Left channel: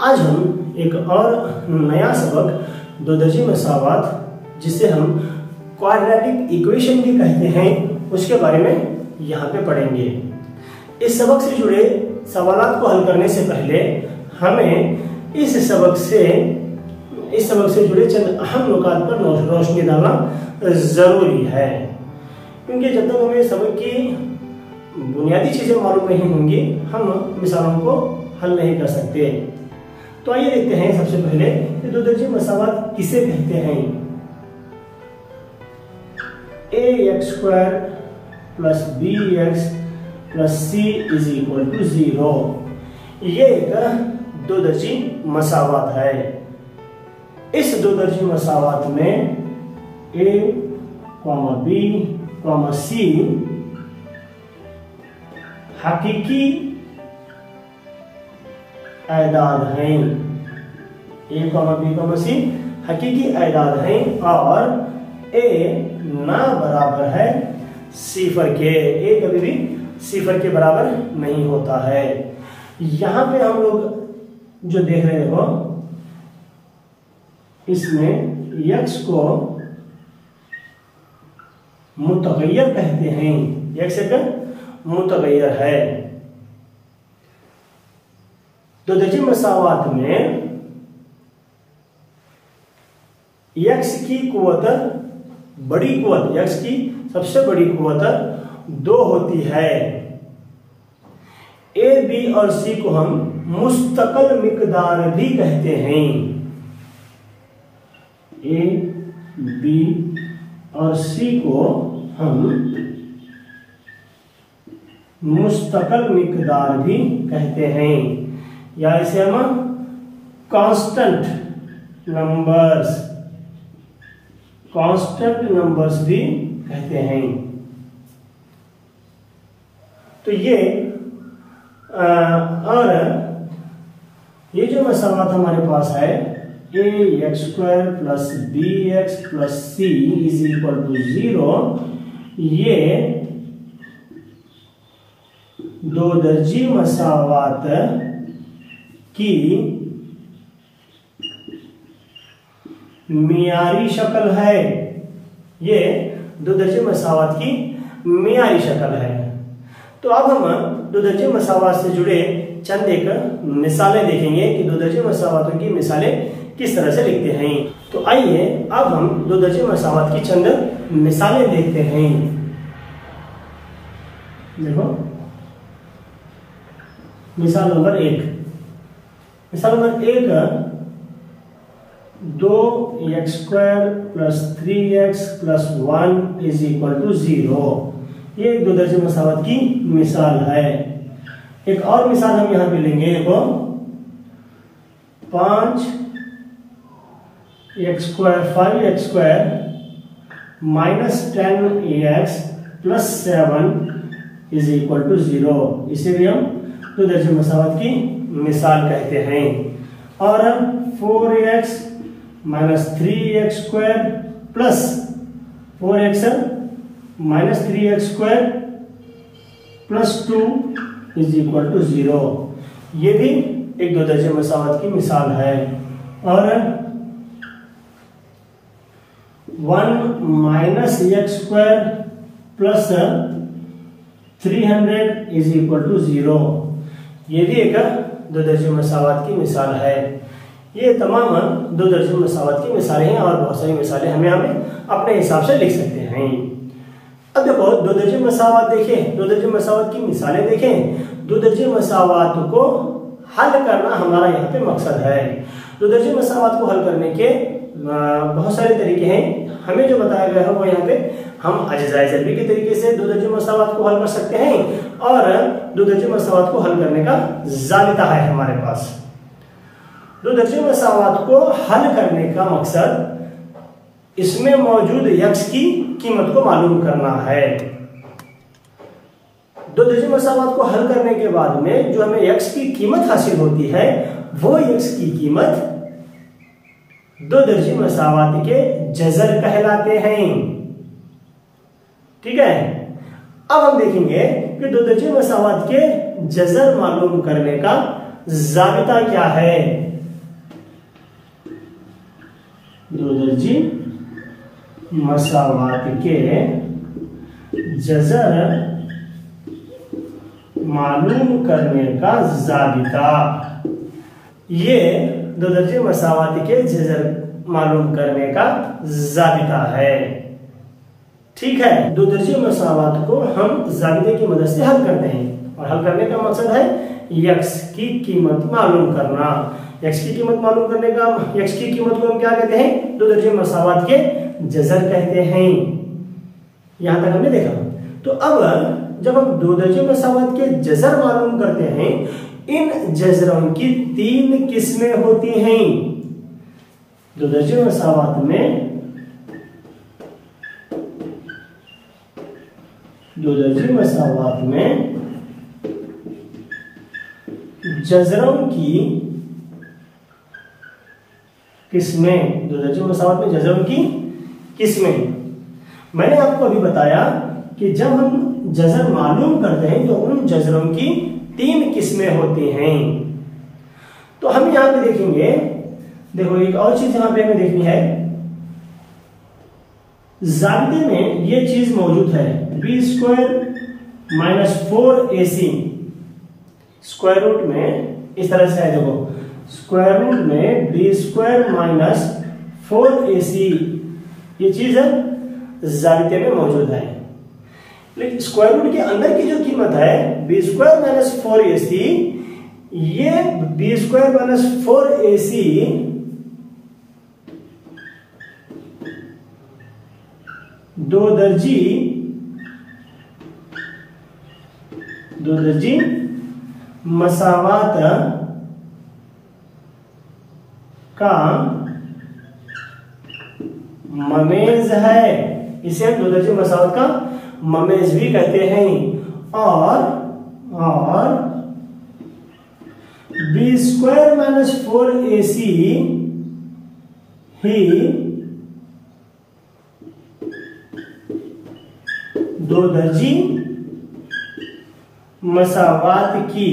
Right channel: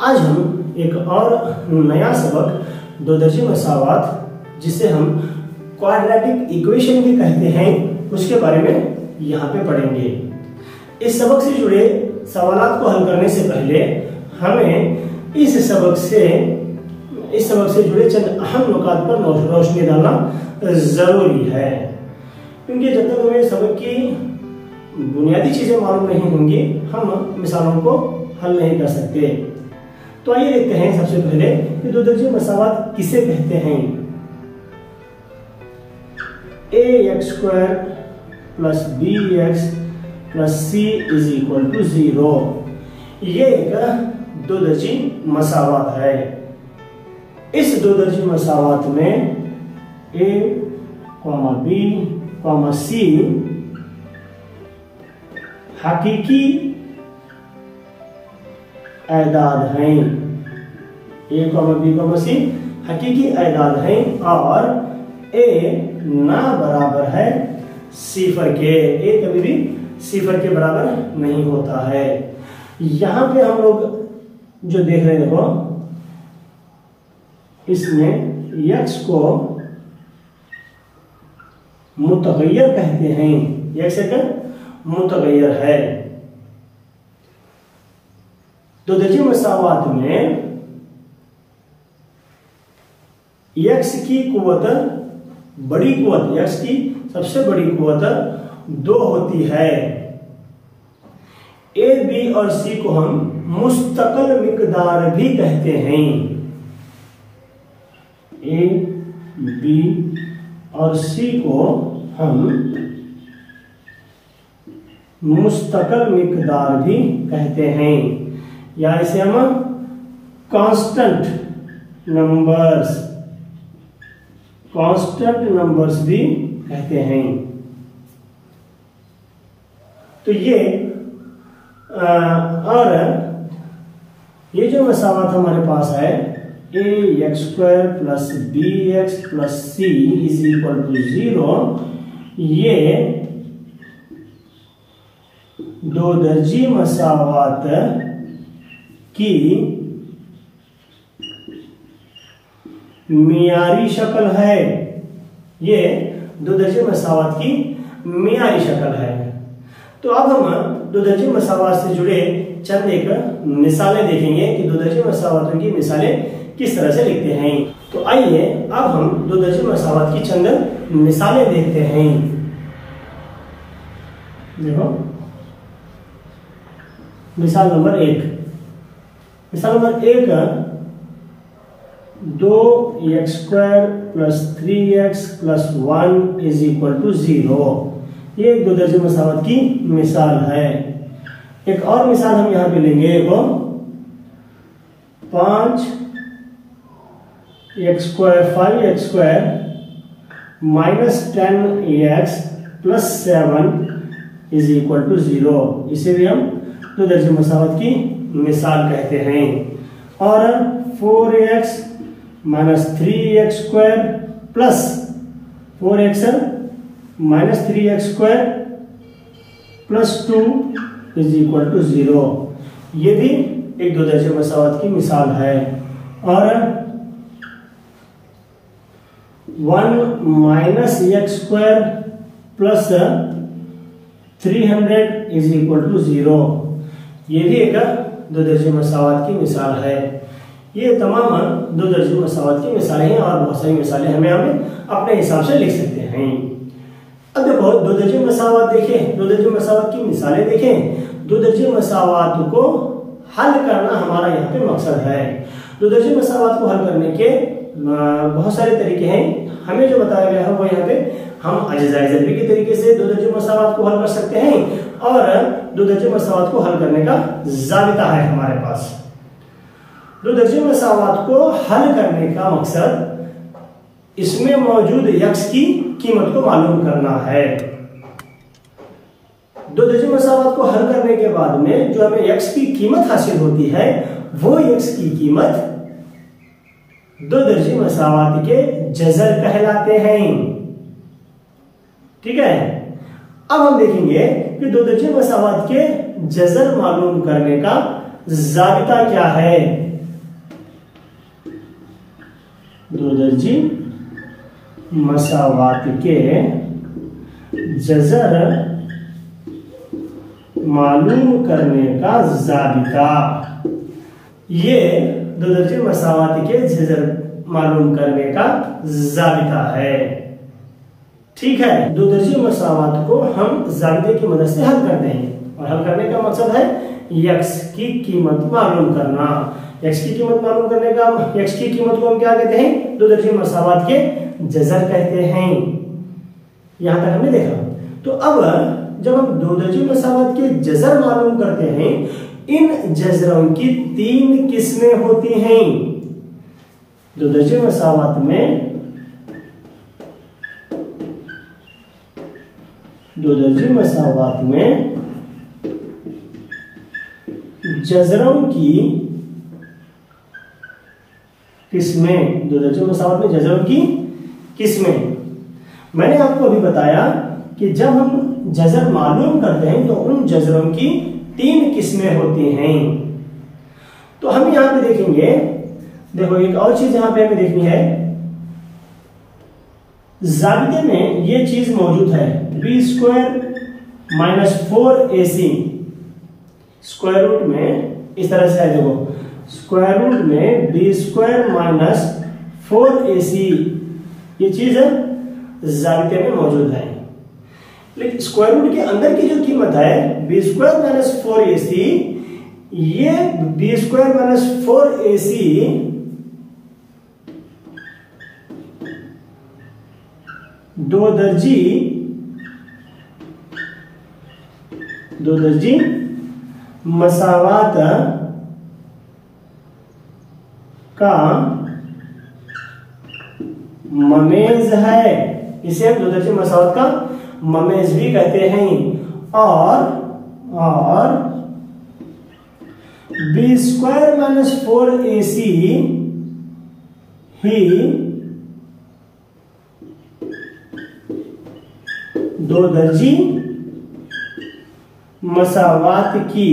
आज हम एक और नया सबक दो दर्जी मसावात जिसे हम क्वाड्रेटिक इक्वेशन भी कहते हैं उसके बारे में यहाँ पे पढ़ेंगे। इस सबक से जुड़े सवालों को हल करने से पहले हमें इस सबक से जुड़े चंद अहम नुकात पर रोशनी डालना जरूरी है, क्योंकि जब तक हमें सबक की बुनियादी चीजें मालूम नहीं होंगी हम मिसालों को हल नहीं कर सकते। तो आइए देखते हैं सबसे पहले कि दो दर्जी मसावात किसे कहते हैं। ax² plus bx plus c is equal to 0, ये एक दो दर्जी मसावात है। इस दो दर्जी मसावात में a, b, c हकीकी एदाद हैं। a, b, c हकीकी एदाद हैं और a ना बराबर है सिफर के। a कभी भी सिफर के बराबर नहीं होता है। यहां पे हम लोग जो देख रहे हैं देखो, इसमें x को मुतगय्यर कहते हैं। x एक मुतगय्यर है। दो दर्जी मसावात में x की कुव्वत, बड़ी कुव्वत, x की सबसे बड़ी कुव्वत 2 होती है। a, b और c को हम मुस्तकिल मिकदार भी कहते हैं। a, b और c को हम मुस्तकिल मिकदार भी कहते हैं, या इसे हम कांस्टेंट नंबर्स भी कहते हैं। तो ये और ये जो मसावत हमारे पास है ax² plus bx plus c is equal to 0, ये दो दर्जी मसावात की मियारी शक्ल है। ये दो दर्जे मसावात की मियारी शक्ल है। तो अब हम दो दर्जे मसावात से जुड़े चंद एक मिसालें देखेंगे कि दो दर्जे मसावातों की मिसालें किस तरह से लिखते हैं। तो आइए अब हम दो दर्जे मसावात की चंद मिसालें देखते हैं। देखो मिसाल नंबर 1। मिसाल number 1, 2x² plus 3x plus 1 is equal to 0। ये एक दो दर्जे मसावत की मिसाल है। एक और मिसाल हम यहां पे लेंगे, देखो 5x² minus 10x plus 7 is equal to 0। इसे भी हम दो दर्जे मसावत की मिसाल कहते हैं। और 4x minus 3x² plus 4x minus 3x² plus 2 is equal to 0। ये भी एक दो दर्जे मसावत की मिसाल है। और 1 minus x² plus 300 is equal to 0। ये भी एक दो दर्जे मसावत की मिसाल है। ये तमाम दो दर्जे मसावत की मिसालें हैं और बहुत सारी मिसालें हमें अपने हिसाब से लिख सकते हैं। अब देखो दो दर्जे मसावत देखें, दो दर्जे मसावत की मिसालें देखें। दो दर्जे मसावत को हल करना हमारा यहाँ पे मकसद है। दो दर्जे मसावत को हल करने के बहुत सारे तरीके हैं। हमें जो बताया गया है वो यहाँ पे हम अज्जाए ज़रबी के तरीके से दो दर्जे मसावत को हल कर सकते हैं और दो दर्जे मसावत को हल करने का ज़ाबिता है हमारे पास। दो दर्जे मसावत को हल करने का मकसद इसमें मौजूद x की कीमत को मालूम करना है। दो दर्जे मसावत को हल करने के बाद में जो हमें x की कीमत हासिल होती है वो x की कीमत दो दर्जे मसावत के जज़र कहलाते हैं। ठीक है। अब हम देखेंगे कि दो दर्जे मसावत के जज़र मालूम करने का जाबिता क्या है? दो दर्जी मसावात के जज़र मालूम करने का जाबिता। ये दो दर्जी मसावात के जज़र मालूम करने का जाबिता है। ठीक है, दो दर्जी मसावात को हम जाबिते की मदद से हल करते हैं और हल करने का मकसद है यक्स की कीमत मालूम करना। यक्स की कीमत मालूम करने का, यक्स की कीमत को हम क्या कहते हैं? दो दर्जी मसावात के जज़र कहते हैं। यहां तक हमने देखा। तो अब जब हम दो दर्जी मसावात के जज़र मालूम करते हैं, इन जज़रों की तीन किस्में होती हैं। दो दर्जी मसावात में दो दर्जी मसावात में जज़रों की किस्में, दो दर्जी मसावात में जज़रों की किस्में। मैंने आपको अभी बताया कि जब हम जज़र मालूम करते हैं तो उन जज़रों की तीन किस्में होती हैं। तो हम यहां पे देखेंगे, देखो एक और चीज यहां पे हमें देखनी है। जाबिते में ये चीज मौजूद है, b² - 4ac। स्क्वायर रूट में इस तरह से है, देखो स्क्वायर रूट में b² - 4ac ये चीज है जाबिते में मौजूद है। लेकिन स्क्वायर रूट के अंदर की जो कीमत है b² - 4ac, ये b² - 4ac दो दर्जी मसावात का ममेज है। इसे हम दो दर्जी मसावात का ममेज भी कहते हैं। और b² - 4ac ही दो दर्जी मसावात की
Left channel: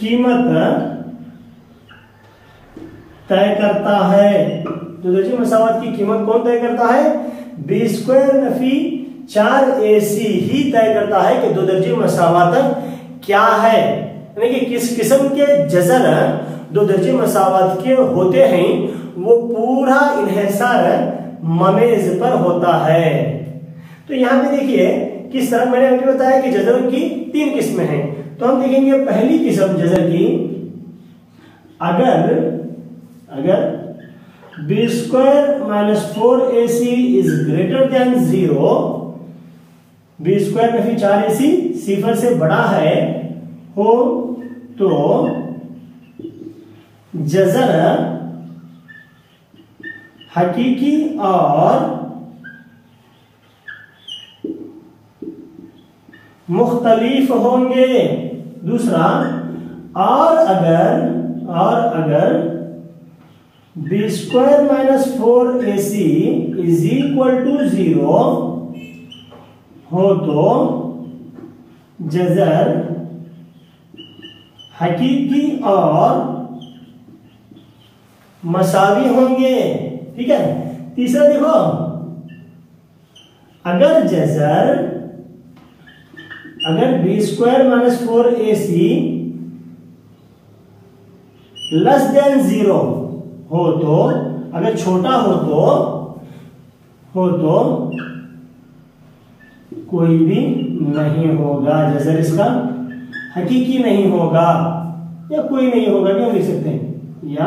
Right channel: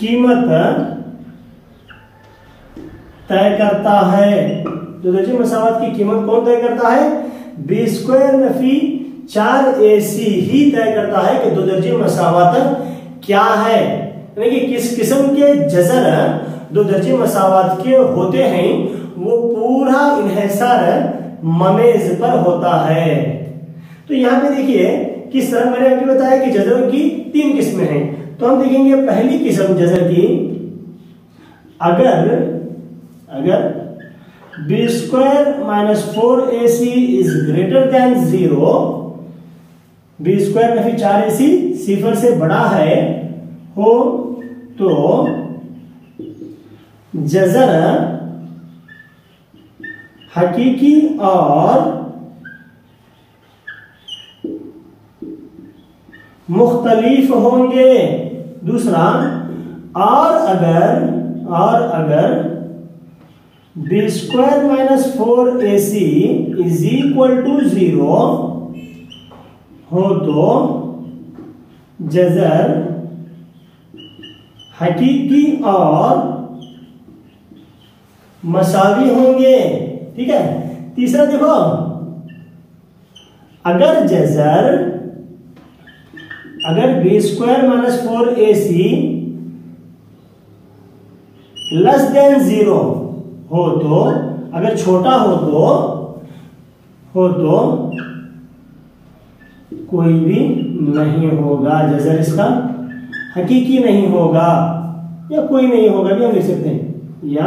कीमत तय करता है। दो दर्जी मसावात की कीमत कौन तय करता है? b² - 4ac ही तय करता है कि दो दर्जी मसावात क्या है, यानी कि किस किस्म के जज़र दो दर्जी मसावात के होते हैं, वो पूरा इन्हिसार ममेज पर होता है। तो यहां पे देखिए किस तरह मैंने आपको बताया कि जज़र की तीन किस्में हैं। तो हम देखेंगे पहली किस्म जज़र की, अगर b² - 4ac is greater than 0, b² 4ac सिफर से बड़ा है हो, तो जज़र हकीकी और मुख्तलिफ होंगे। दूसरा, और अगर b² - 4ac is equal to 0 हो तो जज़र हकीकी और मसावी होंगे। ठीक है। तीसरा देखो, अगर b² - 4ac लेस देन 0 हो तो, अगर छोटा हो तो कोई भी नहीं होगा, जज़र इसका हकीकी नहीं होगा, या कोई नहीं होगा भी हम लिख सकते हैं, या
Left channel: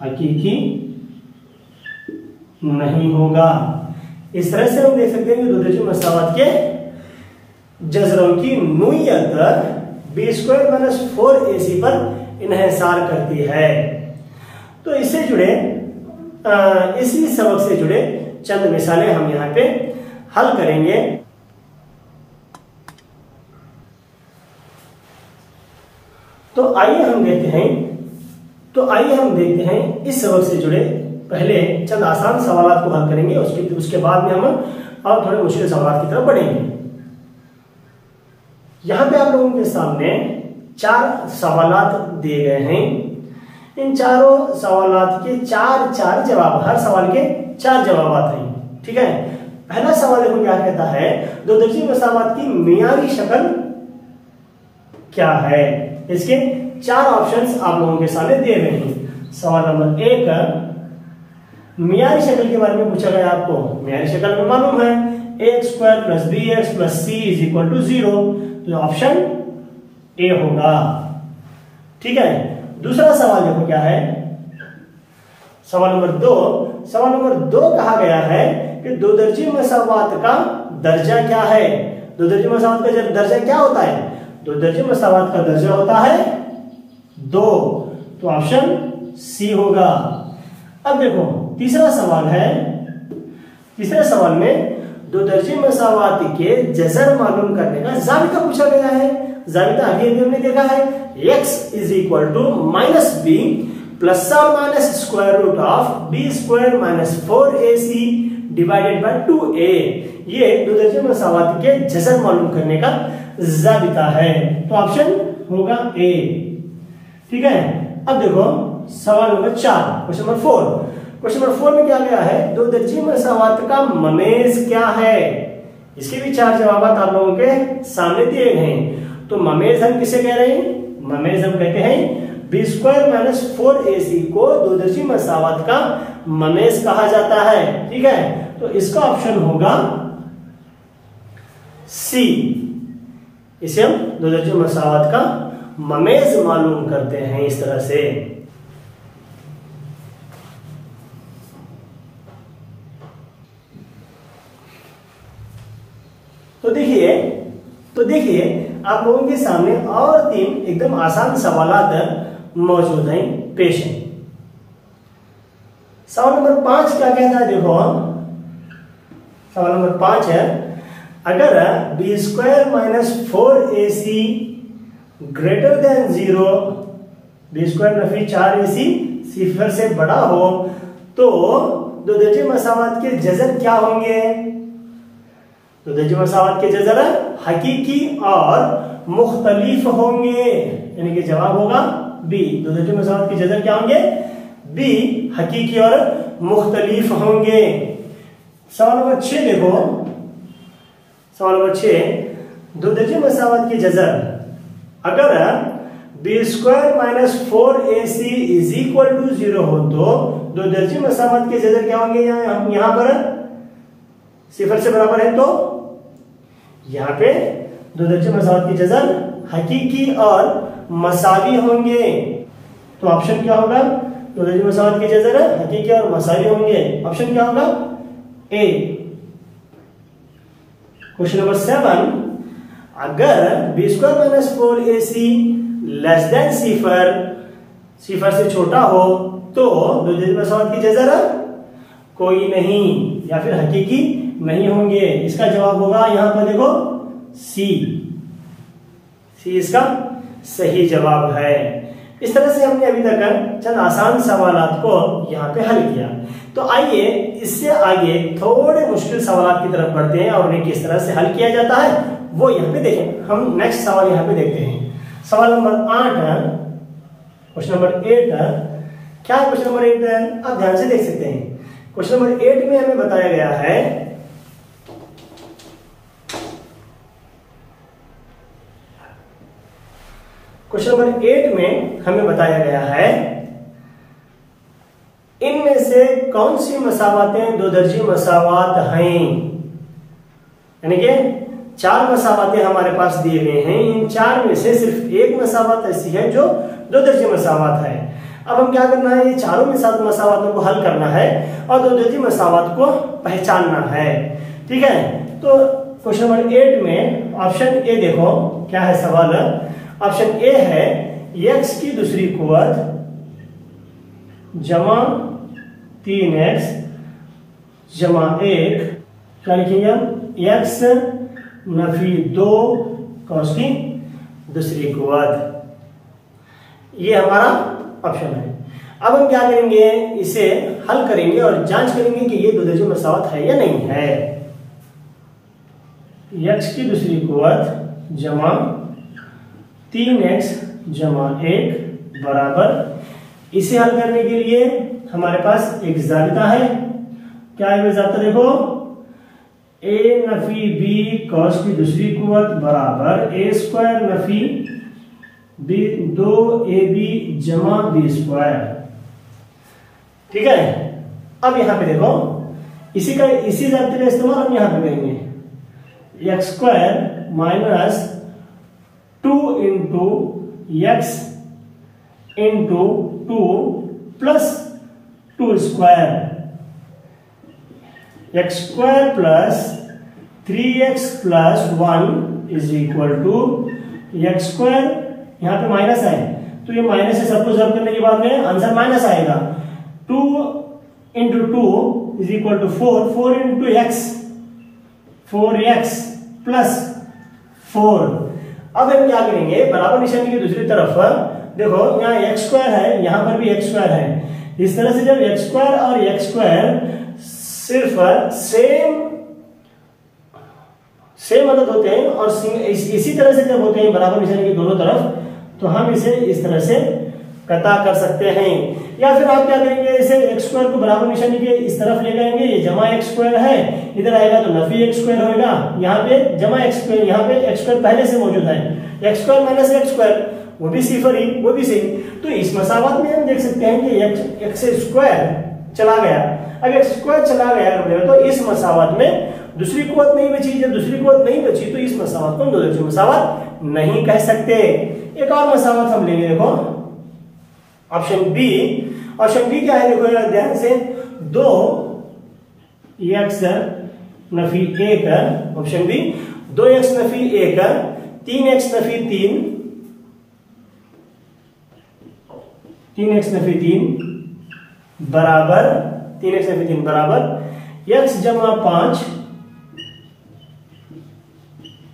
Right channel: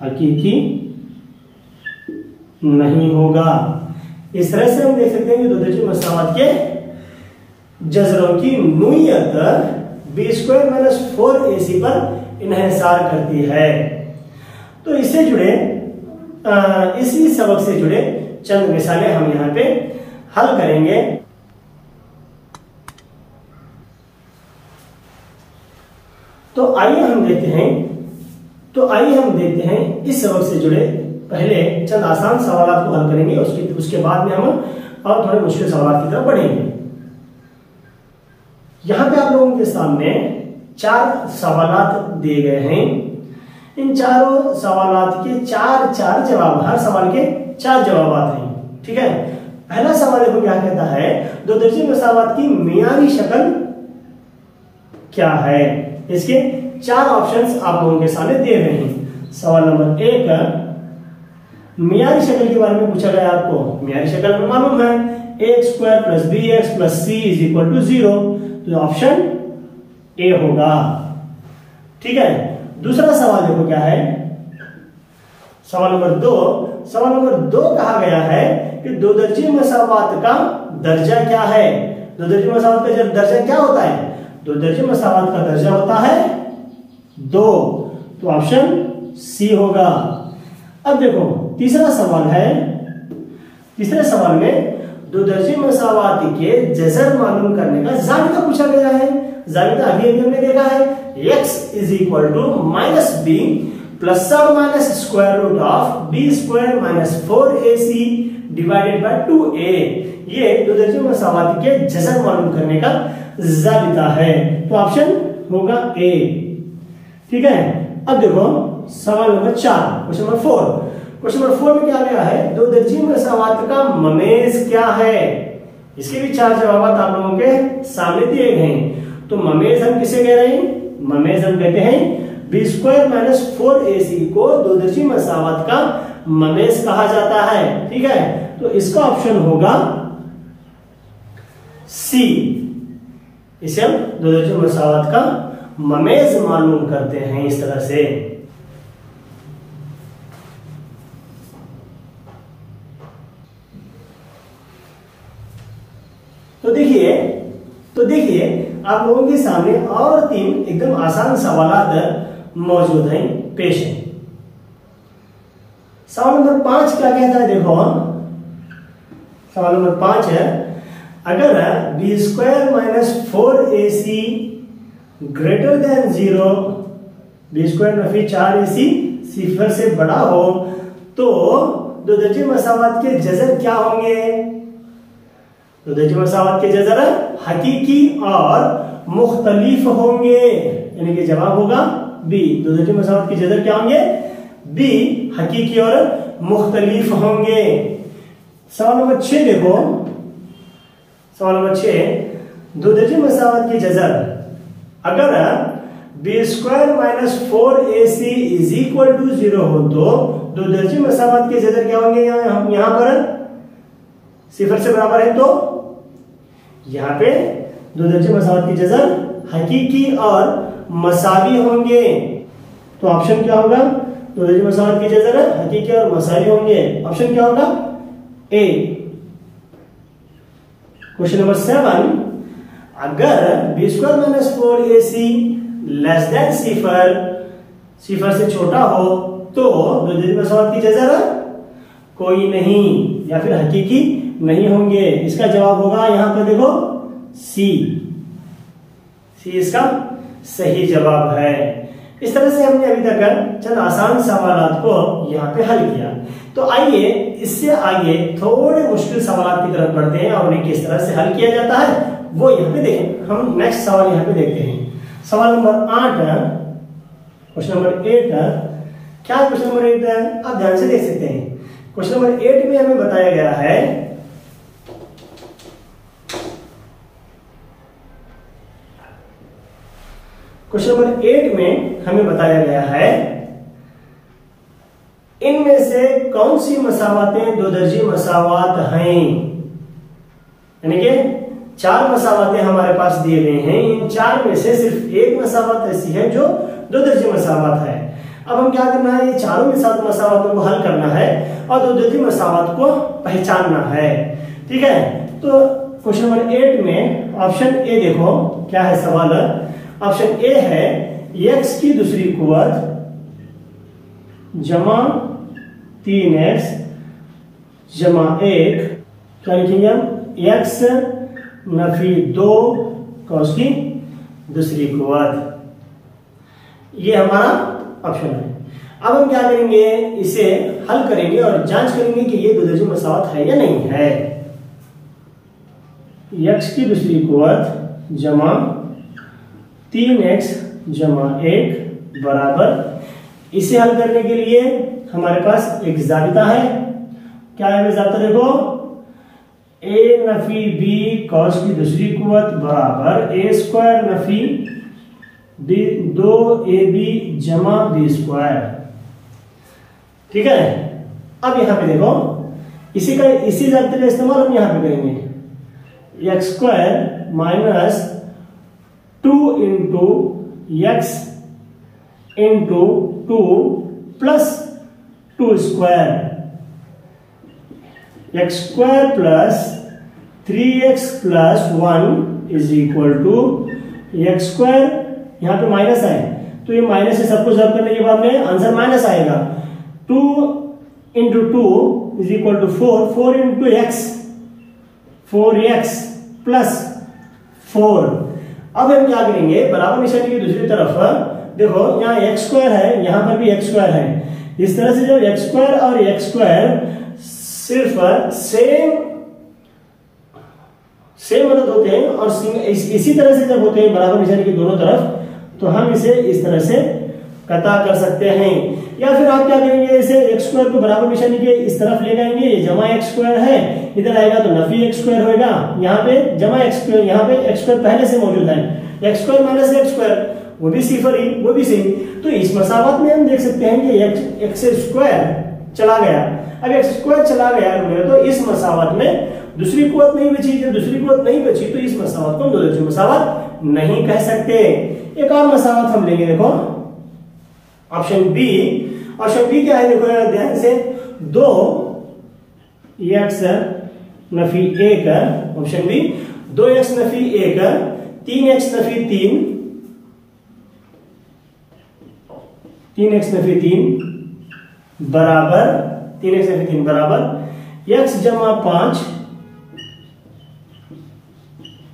हकीकी नहीं होगा। इस तरह से हम देख सकते हैं कि दो दर्जी मसावात के जज़रों की नूयत b² - 4ac पर इन्हिसार करती है। तो इससे जुड़े इसी सबक से जुड़े चंद मिसालें हम यहां पे हल करेंगे। तो आइए हम देखते हैं इस सबक से जुड़े पहले चंद आसान सवालों को हल करेंगे, उसके बाद में हम और थोड़े मुश्किल सवालों की तरफ बढ़ेंगे। यहाँ पे आप लोगों के सामने 4 सवालात दिए गए हैं। इन चारों सवालात के 4 जवाब, हर सवाल के 4 जवाब आते हैं। ठीक है, पहला सवाल देखो क्या कहता है, दो दर्जे मसावात की मियारी शक्ल क्या है। इसके 4 ऑप्शंस आप लोगों के सामने दे रहे हैं। सवाल नंबर 1, मियारी शक्ल के बारे में पूछा गया आपको। मियारी शक्ल में मालूम है ax square plus b x plus c is equal to 0, तो ऑप्शन ए होगा। ठीक है, दूसरा सवाल देखो क्या है, सवाल नंबर 2। सवाल नंबर 2 कहा गया है कि दो दर्जे मसावात का दर्जा क्या है। दो दर्जे मसावात का दर्जा क्या होता है, दो दर्जे मसावात का दर्जा होता है 2, तो ऑप्शन सी होगा। अब देखो तीसरा सवाल है, तीसरे सवाल में दो दर्जे मसावात के जज़र मालूम करने का ज़ाबिता पूछा गया है। ज़ाबिता अभी हमने देखा है, x is equal to minus b plus और minus square root of b square minus 4ac divided by 2a। ये दो दर्जे मसावात के जज़र मालूम करने का ज़ाबिता है, तो ऑप्शन होगा ए। ठीक है, अब देखो सवाल number 4, question number 4। Question number 4 में क्या गया है, दो दर्जे मसावात का ममेज क्या है। इसके भी 4 जवाब आप लोगों के सामने दिए गए हैं। तो ममेज हम किसे कह रहे हैं, ममेज हम कहते हैं बी स्क्वायर माइनस 4ac को दो दर्जे मसावात का ममेज कहा जाता है। ठीक है, तो इसका ऑप्शन होगा सी। इसे हम दो दर्जे मसावात का ममेज मालूम करते हैं इस तरह से। तो देखिए आप लोगों के सामने और 3 एकदम आसान सवालात मौजूद हैं, पेश हैं। सवाल नंबर 5 क्या कहता है, देखो सवाल नंबर 5 है, अगर b square minus 4ac greater than 0, b square नफी 4ac सिफर से बड़ा हो, तो दो दर्जे मसावात के जज़र क्या होंगे। दो दर्जे मसावात के जज़र हकीकी और मुख्तलिफ होंगे, यानी कि जवाब होगा बी। दो दर्जे मसावात के जज़र क्या होंगे, बी, हकीकी और मुख्तलिफ होंगे। सवाल नंबर 6 देखो, सवाल नंबर 6, दो दर्जे मसावात के जज़र अगर b square minus 4ac is equal to 0 हो, तो दो दर्जे मसावात के जज़र क्या होंगे। हम यहां पर सिफर से बराबर है, तो यहां पे दो दर्जे मसावात के जज़र हकीकी और मसावी होंगे, तो ऑप्शन क्या होगा, दो दर्जे मसावात के जज़र हकीकी और मसावी होंगे, ऑप्शन क्या होगा ए। क्वेश्चन नंबर 7, अगर b square minus 4ac less than सिफर से छोटा हो, तो दो दर्जे मसावात की जज़र कोई नहीं या फिर हकीकी नहीं होंगे। इसका जवाब होगा यहां पर देखो सी। सी इसका सही जवाब है। इस तरह से हमने अभी तक चंद आसान सवालात को यहाँ पे हल किया। तो आइए इससे आगे थोड़े मुश्किल सवालात की तरफ बढ़ते हैं और उन्हें किस तरह से हल किया जाता है वो यहाँ पे देखें। हम नेक्स्ट सवाल यहाँ पे देखते हैं। सवाल नंबर 8, क्वेश्चन नंबर 8। क्या क्वेश्चन नंबर 8 है, आप ध्यान से देख सकते हैं। क्वेश्चन नंबर 8 में हमें बताया गया है क्वेश्चन नंबर 8 में हमें बताया गया है इनमें से कौन सी मसावातें दो दर्जे मसावात हैं। यानी कि 4 मसावातें हमारे पास दिए गए हैं, इन 4 में से सिर्फ एक मसावत ऐसी है जो दो दर्जे मसावत है। अब हम क्या करना है, ये चारों मसावतों को हल करना है और दो दर्जे मसावत को पहचानना है। ठीक है, तो क्वेश्चन नंबर 8 में ऑप्शन ए देखो क्या है सवाल। ऑप्शन ए है x की दूसरी कुवत जमा 3x जमा 1, क्या लिखेंगे हम, x नफी 2 का उसकी दूसरी कुवत। ये हमारा ऑप्शन है। अब हम क्या करेंगे, इसे हल करेंगे और जांच करेंगे कि ये दो दर्जे मसावत है या नहीं है। x की दूसरी कुवत जमा 3x जमा 1 बराबर, इसे हल करने के लिए हमारे पास एक जाबिता है। क्या है वो जाबिता? देखो, a नफी b कॉस की दूसरी कुवत बराबर a square Nafi b 2ab जमा b स्क्वायर। ठीक है। अब यहां पे देखो, इसी जाबिते का इस्तेमाल हम यहां पे करेंगे। X square minus 2 into x into 2 plus 2 square, x square plus 3x plus 1 is equal to x square, यहां पे माइनस है तो ये माइनस से सबको सॉल्व करने के बाद में आंसर माइनस आएगा। 2 into 2 is equal to 4 into x 4x plus 4। अब हम क्या करेंगे, बराबर निशानी की दूसरी तरफ देखो, यहाँ एक्स स्क्वायर है, यहां पर भी एक्स स्क्वायर है। इस तरह से जब एक्स स्क्वायर और एक्स स्क्वायर सिर्फ सेम अदद होते हैं और इसी तरह से जब होते हैं बराबर निशानी के दोनों तरफ, तो हम इसे इस तरह से कता कर सकते हैं। या फिर आप क्या करेंगे, इसे एक्स स्क्वायर को बराबर निशानी के इस तरफ ले जाएंगे, ये जमा एक्स स्क्वायर है, इधर आएगा तो नफी एक्स स्क्वायर होगा, यहाँ पे जमा एक्स स्क्वायर, यहाँ पे एक्स स्क्वायर पहले से मौजूद है, x square minus x square वो भी सिफर ही, वो भी सेम। तो इस मसावत में हम देख सकते हैं कि एक्स स्क्वायर चला गया। अब एक्स स्क्वायर चला गया तो इस मसावत में दूसरी कुवत नहीं बची। जब दूसरी कुवत नहीं बची तो इस मसावत को दो दर्जे मसावत नहीं कह सकते। एक और मसावत हम लेंगे, देखो ऑप्शन बी। ऑप्शन बी क्या है, देखो ध्यान से, 2x नफी 1, ऑप्शन बी 2x नफी 1, 3x नफी 3 बराबर 3x नफी 3 बराबर x जमा 5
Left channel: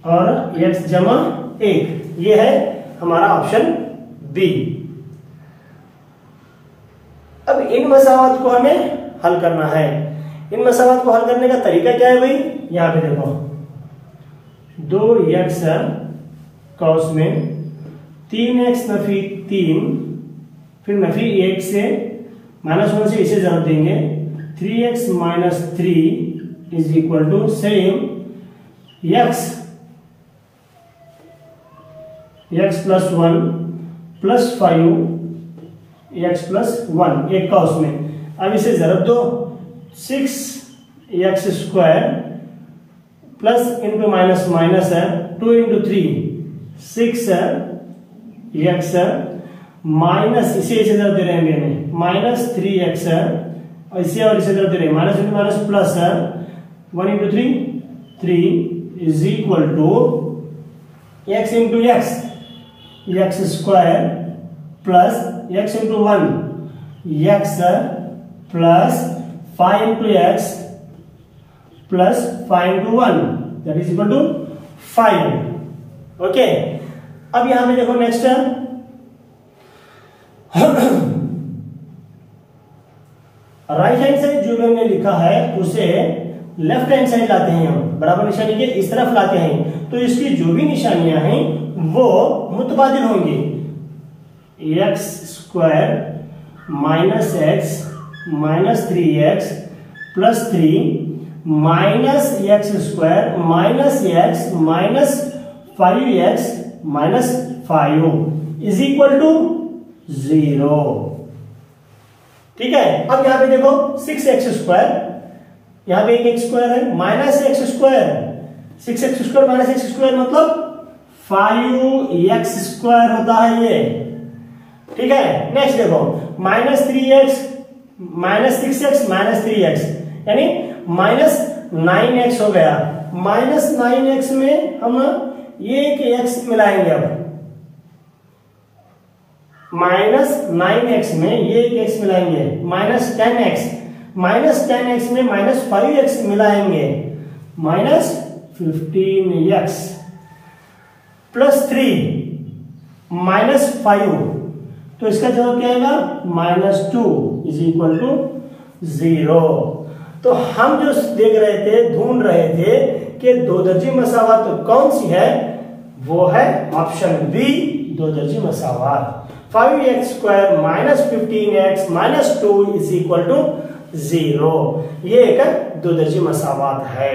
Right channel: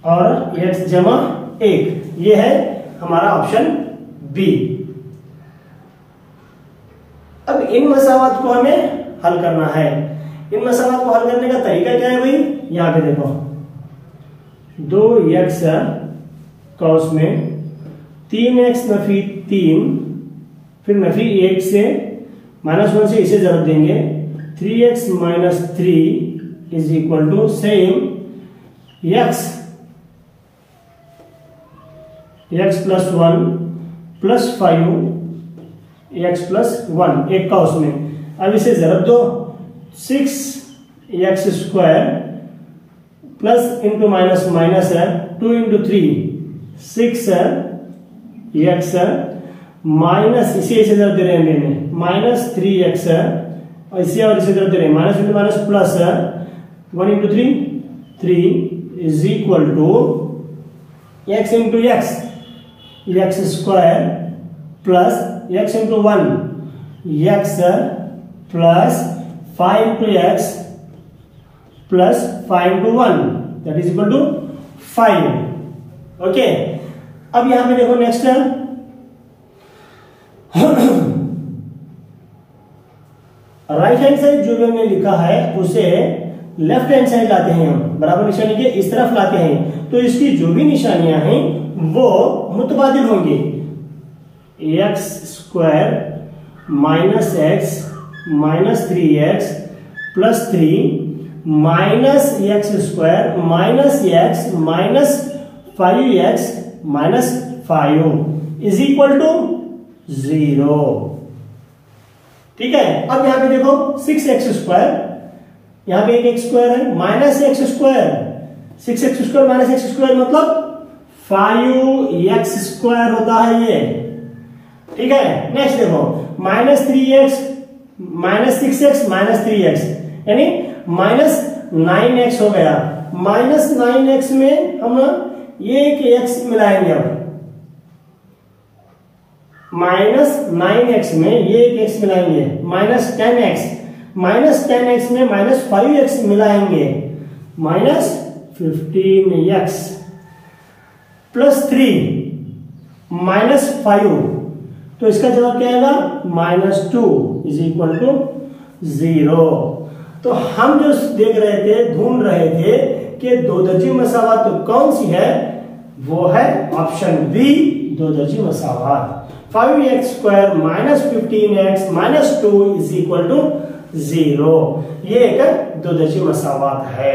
और x जमा 1। ये है हमारा ऑप्शन बी। अब इन मसावत को हमें हल करना है। इन मसावत को हल करने का तरीका क्या है भाई, यहां पे देखो, 2x कॉस में 3x नफी 3, फिर नफी 1 से -1 से इसे जरूर देंगे, 3x minus 3 is equal to same x plus 1 plus 5 x plus 1 एक का उसमें। अब इसे जरूर दो, 6x square plus into minus minus है 2 इंटू 3 6x माइनस, इसे जरूर दे रहे हैं माइनस 3x और इसे और इसे जरूर दे रहे हैं minus into minus plus 1 into 3 is equal to x into x square plus x into 1 x plus 5 into x plus 5 into 1 that is equal to 5। Okay, अब यहां पे देखो नेक्स्ट राइट हैंड साइड जो भी हमने लिखा है उसे लेफ्ट हैंड साइड लाते हैं, हम बराबर निशानी के इस तरफ लाते हैं, तो इसकी जो भी निशानियां हैं वो मुतबादिल होंगी। X square minus x minus 3x plus 3 minus x square minus x minus 5x minus 5 is equal to 0। ठीक है। अब यहां पे देखो 6x स्क्वायर, यहां पे एक एक्स स्क्वायर है, minus x square, 6x square minus x square मतलब 5x स्क्वायर होता है ये। ठीक है। नेक्स्ट देखो minus 3x minus 6x minus 3x यानी माइनस 9x हो गया। माइनस 9x में हम ये एक x मिलाएंगे, अब माइनस 9x में ये एक x मिलाएंगे, माइनस 10x में माइनस 5x मिलाएंगे, माइनस 15x प्लस 3 माइनस 5, तो इसका जवाब क्या आएगा -2 इज इक्वल टू 0। तो हम जो देख रहे थे, ढूंढ रहे थे कि दो दर्जे मसावत कौन सी है, वो है ऑप्शन बी, दो दर्जी मसावात। 5x square minus 15x minus 2 is equal to 0, ये एक दो दर्जी मसावात है।